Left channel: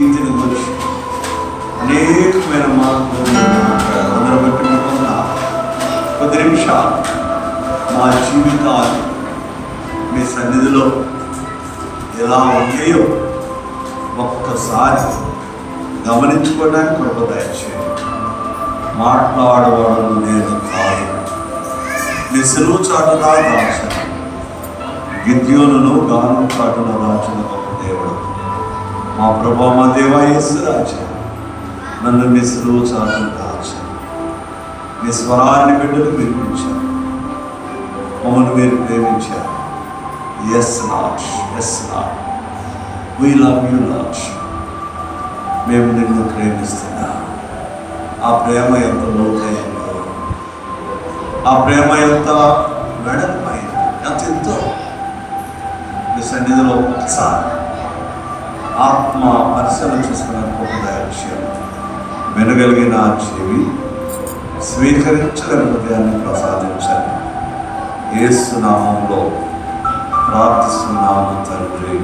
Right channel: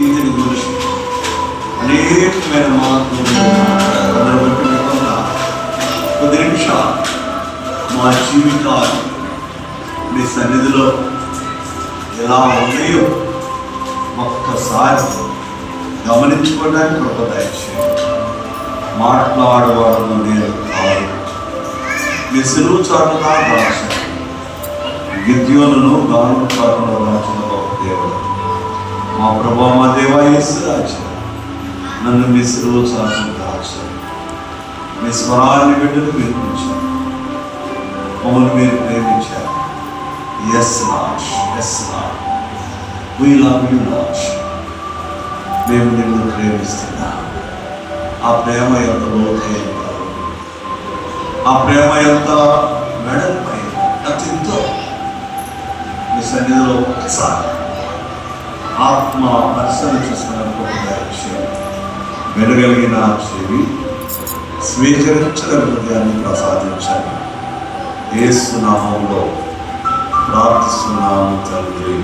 దీని గురించి అనేకమైన మార్పులు అందరూ బట్టి కొద్ది నిమిషాలు మా జీవితాలు మీ సన్నిధిలో ఎలా ఉన్నాయో ఒక్కసారి గమనించుకోవడానికి కృప దయచేయండి. మాట్లాడేవాడు నేను కాదు, మీ సెలవు చాటుగా రాశ విద్యోలను గౌరవ చాటులో రాసిన గొప్ప దేవుడు మా ప్రభా, మా దేవా యేసు రాజా, నన్ను మీ సెలవు చాటును దాచారు. మీ స్వరాన్ని బిడ్డలు వినిపించారు, మమ్మల్ని మీరు ప్రేమించారు. Yes lord, yes lord, we love you lord. మేము నిన్ను ప్రేమిస్తున్నాం. ఆ ప్రేమ ఎంత లోతైందో, ఆ ప్రేమ ఎంత వెడల్పైందో, ఎంత ఎంతో మీ సన్నిధిలో ఒకసారి ఆత్మ పరిశీలన చేసుకున్నప్పుడు వినగలిగిన చెవి, స్వీకరించగల హృదయాన్ని ప్రసాదించాలి. యేసు నామములో ప్రార్థిస్తున్నాము తండ్రి.